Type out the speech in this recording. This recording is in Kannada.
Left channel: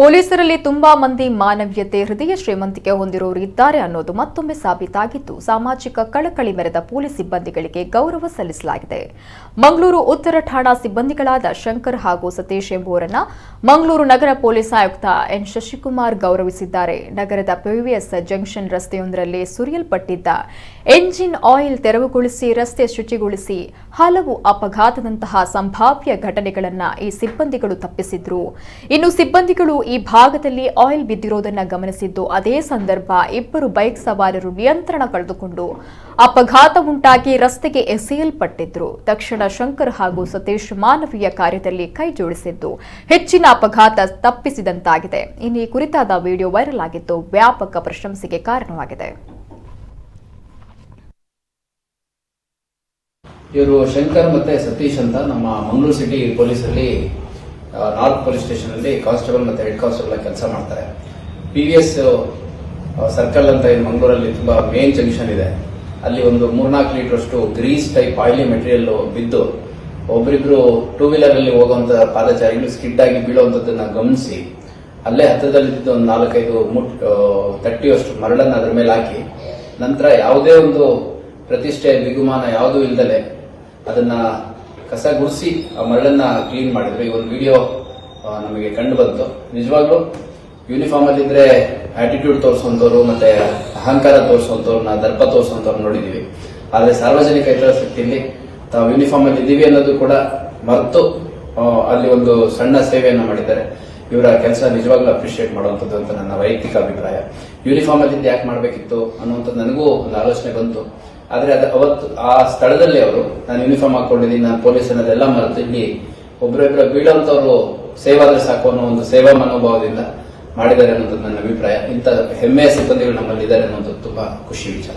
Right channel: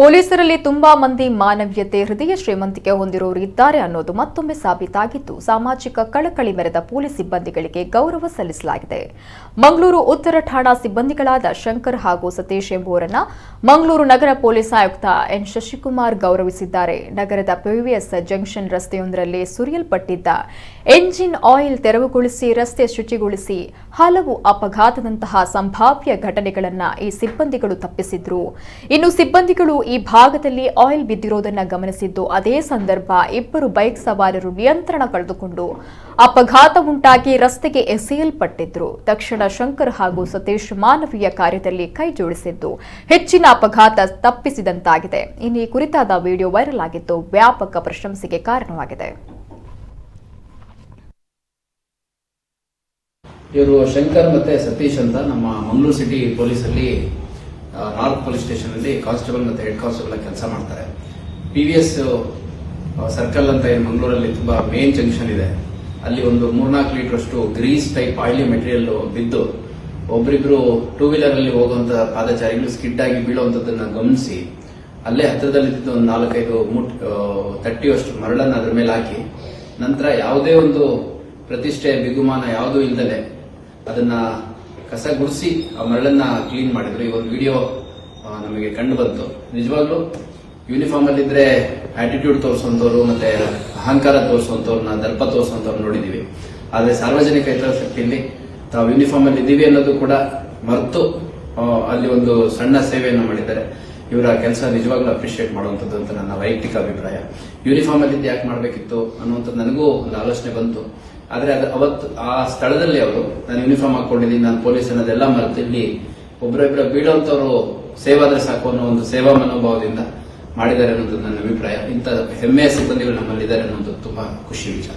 ಪೊಲೀಸರಲ್ಲಿ ತುಂಬಾ ಮಂದಿ ಮಾನವೀಯತೆ ಹೃದಯ ಶ್ರೀಮಂತಿಕೆ ಹೊಂದಿರೋರು ಇದ್ದಾರೆ ಅನ್ನೋದು ಮತ್ತೊಮ್ಮೆ ಸಾಬೀತಾಗಿದ್ದು ಸಾಮಾಜಿಕ ಕಳಕಳಿ ಮೆರೆದ ಪೊಲೀಸ್ ಸಿಬ್ಬಂದಿಗಳಿಗೆ ಗೌರವ ಸಲ್ಲಿಸಲಾಗಿದೆ. ಮಂಗಳೂರು ಉತ್ತರ ಠಾಣಾ ಸಿಬ್ಬಂದಿಗಳಾದ ಶಂಕರ್ ಹಾಗೂ ಸತೀಶ್ ಎಂಬುವರನ್ನ ಮಂಗಳೂರು ನಗರ ಪೊಲೀಸ್ ಆಯುಕ್ತ ಎನ್ ಶಶಿಕುಮಾರ್ ಗೌರವಿಸಿದ್ದಾರೆ. ನಗರದ ಪಿವಿಎಸ್ ಜಂಕ್ಷನ್ ರಸ್ತೆಯೊಂದರಲ್ಲಿ ಸುರಿಯಲ್ಪಟ್ಟಿದ್ದ ಎಂಜಿನ್ ಆಯಿಲ್ ತೆರವುಗೊಳಿಸಿ ರಸ್ತೆ ಶುಚಿಗೊಳಿಸಿ ಹಲವು ಅಪಘಾತದಂತಹ ಸಂಭಾವ್ಯ ಘಟನೆಗಳನ್ನು ಈ ಸಿಬ್ಬಂದಿಗಳು ತಪ್ಪಿಸಿದ್ರು. ಇನ್ನು ಸಿಬ್ಬಂದಿಗಳು ಈ ಭಾಗದಲ್ಲಿ ಆಯಿಲ್ ಬಿದ್ದಿರೋದನ್ನ ಗಮನಿಸಿದ್ದು ಅದೇ ಸಂದರ್ಭ ಇಬ್ಬರು ಬೈಕ್ ಸವಾರರು ನಿಯಂತ್ರಣ ಕಳೆದುಕೊಂಡು ಅಪಘಾತ ಉಂಟಾಗಿ ರಸ್ತೆಗೆ ಎಸೆಯಲ್ಪಟ್ಟಿದ್ರು. ತಕ್ಷಣ ಶಂಕರ್ ಹಾಗೂ ಸತೀಶ್ ಮಾನವೀಯ ಕಾರ್ಯದಲ್ಲಿ ಕೈ ಜೋಡಿಸಿದ್ದು ಹೆಚ್ಚಿನ ಅಪಘಾತ ತಪ್ಪಿಸಿದಂತಾಗಿದೆ. ಇನ್ನು ಈ ಕುರಿತಾದ ವಿಡಿಯೋ ವೈರಲ್ ಆಗಿದ್ದು ವ್ಯಾಪಕ ಪ್ರಶಂಸೆಗೆ ಕಾರಣವಾಗಿದೆ. ಇವರು ಶಂಕರ್ ಮತ್ತೆ ಸತೀಶ್ ಅಂತ ನಮ್ಮ ಮಂಗಳೂರು ಸಿಟಿ ಪೊಲೀಸ್ ಅಲ್ಲಿ ನಾರ್ತ್ ಪೊಲೀಸ್ ಸ್ಟೇಷನ್ ಅಲ್ಲಿ ಕಾನ್ಸ್ಟೇಬಲ್ ಮತ್ತೆ ಹೆಡ್ ಕಾನ್ಸ್ಟೇಬಲ್ ಕೆಲಸ ಮಾಡ್ತಾರೆ. ಪಿವಿಎಸ್ ಸರ್ಕಲ್ ಅಂತ ಏನು ಮಂಗಳೂರಲ್ಲಿ ತುಂಬಾ ಮೇನ್ ಜಂಕ್ಷನ್ ಇದೆ, ಅಲ್ಲಿ ಒಂದು 3-4 ಲೀಟರ್ ಅಷ್ಟು ಗ್ರೀಸ್ ಟೈಪ್ ಆಯಿಲಿ ಮೆಟೀರಿಯಲ್ ಬಿದ್ದು ಒಬ್ರಿಬ್ರು ಟೂ ವೀಲರ್ ಅಲ್ಲಿ ಹೋಗುವಂತಹ ಪಾದಚಾರಿಗಳು ಸ್ಕಿಡ್ ಆಗಿ ಬೀಳುವಂತದ್ದನ್ನ ಗಮನಿಸಿ ಅಲ್ಲೇ ಹತ್ತಿರದಲ್ಲಿದ್ದ ಒಂದು 4-5 ತಟ್ಟಿಯಷ್ಟು ಮರಳನ್ನ ಅದರ ಮೇಲೆ ಹಾಕಿ ನಂತರ ಯಾವುದೇ ಒಂದು ಪ್ರತಿಷ್ಠೆ ಬಿಗುಮಾನ ಯಾವುದೂ ಇಲ್ದಲೆ ಅದನ್ನ ಕಸ ಗುಡಿಸಿ ಆ ಮರಳನ್ನ ಕ್ಲೀನ್ ಮಾಡಿದ್ರು. ಈ ಒಂದು ವಿಡಿಯೋ ನಮಗೆ ಕಂಡು ಬಂತು. ನಿಜವಾಗ್ಲೂ ಯೂನಿಫಾರ್ಮ್ ಅಲ್ಲಿ ಇದ್ರೆ ಆಟಿಟ್ಯೂಡ್ ತೋರಿಸುವಂತವ್ರು ಮತ್ತೆ ಅಹಂಕಾರ ತೋರಿಸುವಂತವ್ರನ್ನ ದರ್ಪ ತೋರಿಸುವಂತವ್ರು ನೋಡಿದೀವಿ. ಆದ್ರೆ ಸಾರ್ವಜನಿಕ ಹಿತಾಸಕ್ತಿಯಲ್ಲಿ ತಾವು ಯೂನಿಫಾರ್ಮ್ ಅಲ್ಲಿ ಇದ್ದೀವಿ ಅನ್ನೋದು ಕೂಡ ಮರೆತು ಅಲ್ಲಿ ಒಂದು ಸಣ್ಣ ಸೇವೆಯನ್ನ ಮಾಡಿದ್ದಾರೆ. ಇವರ ಕೆಲಸ ನಿಜವಾಗ್ಲೂ ಅಪ್ರಿಶಿಯೇಟ್ ಮಾಡುವಂತದ್ದು ಅಂತ ನನ್ನ ವೈಯಕ್ತಿಕ ಅಭಿಪ್ರಾಯ. ಯೂನಿಫಾರ್ಮ್ ಅಲ್ಲಿ ಯಾಕೆ ಮಾಡಬೇಕಿತ್ತು ಅನ್ನುವಂಥದ್ದು ನನಗೂ ಒಂದು ಆಲೋಚನೆ ಬಂತು. ಆದ್ರೆ ಅವತ್ತು ಆ ಸ್ಥಳದಲ್ಲಿ ಅವರು ನಾನು ಯೂನಿಫಾರ್ಮ್ ಹಾಕೊಂಡಿದ್ದೀನಿ, ನಾನು ಪೊಲೀಸ್ ಅನ್ನೋದೆಲ್ಲ ಮರೆತು ಇಲ್ಲಿ ಒಬ್ಬರೊಬ್ಬರ ಬೀಳುವಂತವ್ರು ಸೇವಾದ್ರೆ ಸಾಕು ಅನ್ನೋ ಒಂದು ಸೇವಾ ಮನೋಭಾವದಿಂದ ಮಾಡಿದ್ದಾರೆ ಅನ್ನೋದು ನನ್ನ ಅಭಿಪ್ರಾಯ. ಇಂಥ ಹೆಮ್ಮೆಯ ಸಿಬ್ಬಂದಿಗಳು ನಮ್ಮಲ್ಲಿದ್ದಾರೆ ಅನ್ನೋದು ತುಂಬಾ ಖುಷಿ ವಿಚಾರ.